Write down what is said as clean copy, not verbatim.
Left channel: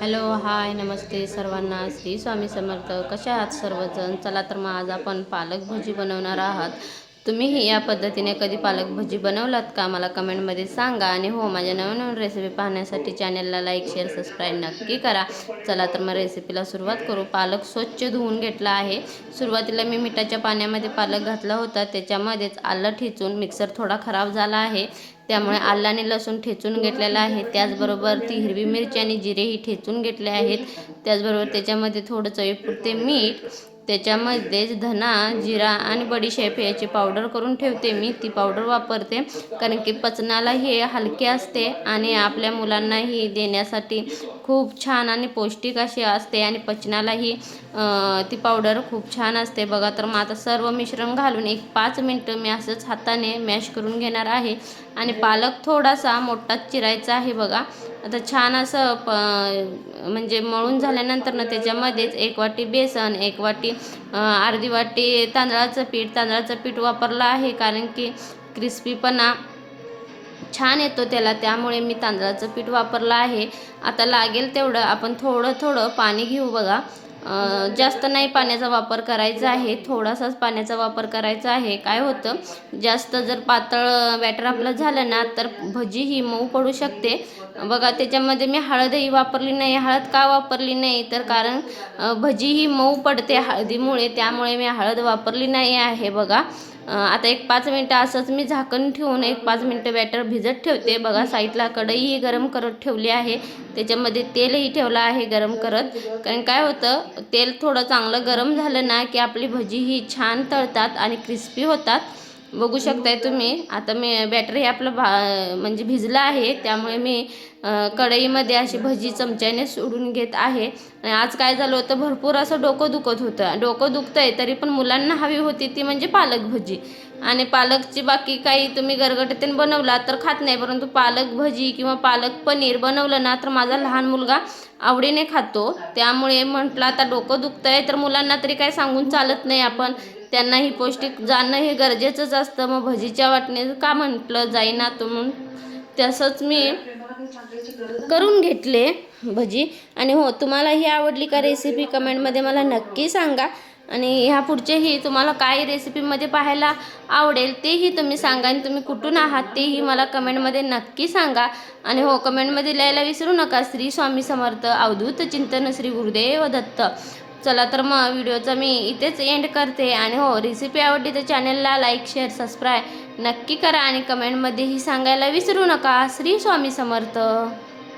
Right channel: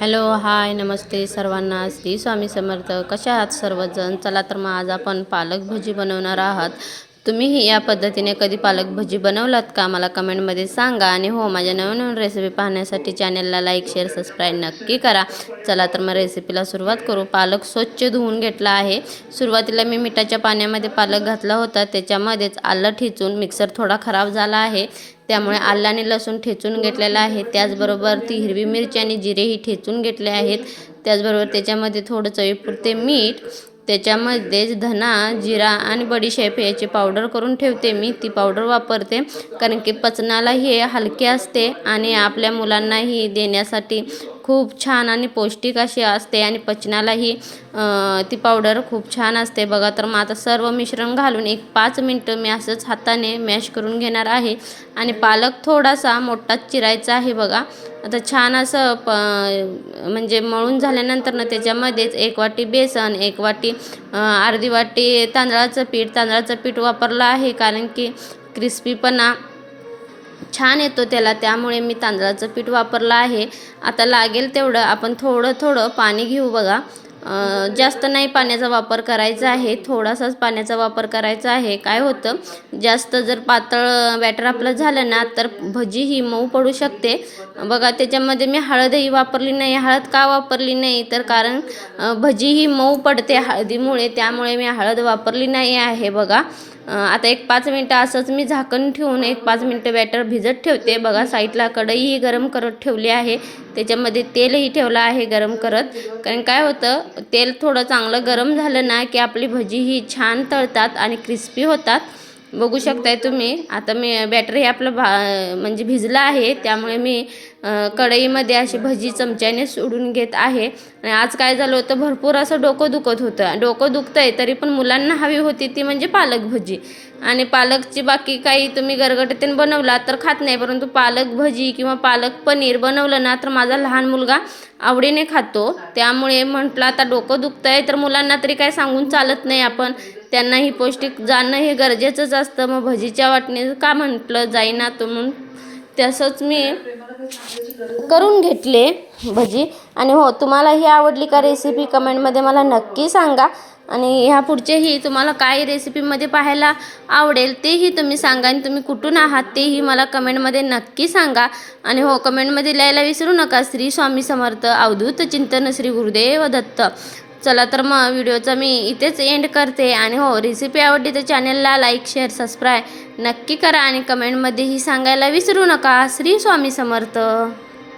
Hello hi नमस्ते सर्वांना. श्री स्वामी समर्थ. कशा आहात सर्वजण? चला तर मग आज आपण पालक भजी बनवणार आहात. तुम्हीही या पद्धतीने कधी पालक भजी बनवलात का? मला कमेंटमध्ये सांगा. आणि हो, माझ्या नवीन रेसिपी पाहण्यासाठी चॅनलला लाईक शेअर सबस्क्राईब नक्की करा. चला तर मग रेसिपीला सुरुवात करू. पालक स्वच्छ धुवून घेतला आहे. सुरुवातीला मी मिठाच्या पाण्यामध्ये पालक घातला होता. त्याच्यामध्येच आलं ठेचून, मिक्सर थोडा खराब झाला आहे त्यामुळे आलं आणि लसूण ठेचून घेतलेला आहे. त्याचबरोबर ती हिरवी मिरची आणि जिरेही ठेचून घेतले आहेत. त्याचबरोबर त्याच्यामध्ये थोडं चवीपुरते मीठ, त्याच्यामध्येच धना, जिरा आणि बडीशेप याची पावडर करून ठेवते. मी ती पावडर वापरते कारण की पचनाला हे हलके असते आणि आपल्या मुलांनाही देण्यासाठी खूप छान आणि पौष्टिक अशी असते आणि पचनालाही ती पावडर खूप छान असते. बघा तर मग आता सर्व मिश्रण घालून एक 5 मिनटं मी असंच हाताने मॅश करून घेणार आहे. आणि पालक थोडासा मोठाच चिरायचा आहे. बघा आता छान असं म्हणजे मळून झाल्यानंतर ना त्याच्यामध्येच 1 वाटी बेसन, 1 वाटी अर्धी वाटी तांदळाचं पीठ वापरलं आहे कारण की क्रिस्पीपणा छान येतो त्याला, त्यामुळे मी तांदळाचं पीठ वापरलं आहे. आता लागेल तेवढं आपण थोडं थोडं पाणी घेऊ. बघा जास्त नाही पाण्याचा वापर करायचा आहे, थोडासाच पाण्याचा वापर करायचा आहे. काय होतं, जास्त जर पातळ बॅटर आपलं झालं ना तर भजी ही मऊ पडू शकते. बघा त्याच्यामध्ये मी हळदही वापरली नाही. हळद का वापरली नाही तर कारण भजी ही मऊ पडते हळदीमुळे, त्यामुळे मी हळद वापरली नाही आहे. बघा आता एक 5 मिनटं असंच मी झाकण ठेवून 1-5 मिनटं बॅटर भिजत ठेवते. बघा साईडला कढईही गरम करत ठेवली आहे, त्याच्यामध्ये तेलही ठेवलं आहे गरम करत. कारण काय होतं, तेल थोडं चांगलं गरम झालं ना की आपली भजी ही छान तळतात आणि क्रिस्पी होतात. बघू शकताय तुम्ही. आता मी बॅटर हे आपलं म्हणजे भिजलं आहे, त्यामुळे मी कढईमध्ये अशी भजी चमच्याने सोडून घेत आहे. आणि आज काय झालं होतं, भरपूर असं डोकं दुखत होतं. डोकं दुखतंय तरी पण मुलांना हवी होती ती म्हणजे पालक भजी. आणि पालकची बाकी काही तुम्ही गरगटतेन बनवला तर खात नाही, परंतु पालक भजी किंवा पालक पनीर बनवलं ना तर माझा लहान मुलगा आवडीने खातो. त्यामुळे म्हटलं आता डोकं दुखतंय तर मुलांना तरी काय सांगून चालत नाही आपण, त्यांनाही पौष्टिक जाणं हे गरजेचंच असतं. मग भजीच्या वाटणे का म्हटलं जाईना म्हणून तसंच मी करून घेतले भजी. आणि हो, तुम्हाला ही आवडली का रेसिपी कमेंटमध्ये मला नक्की सांगा. आणि ह्या पुढचेही तुम्हाला काय रेसिपीमध्ये पाहायला आवडेल तेही तुम्ही सांगा. आणि तुम्ही कुठून आहात तेही मला कमेंटमध्ये नक्की सांगा. आणि हो, कमेंटमध्ये लिहायला विसरू नका. श्री स्वामी समर्थ, अवधूत चिंतन, श्री गुरुदेव दत्त. चला तर मग व्हिडिओचा मी इथेच एंड करते. आणि हो, रेसिपी आवडली तर चॅनलला लाईक शेअर सबस्क्राईब नक्की करा आणि कमेंटमध्येही सांगायला विसरू नका. श्री स्वामी समर्थ.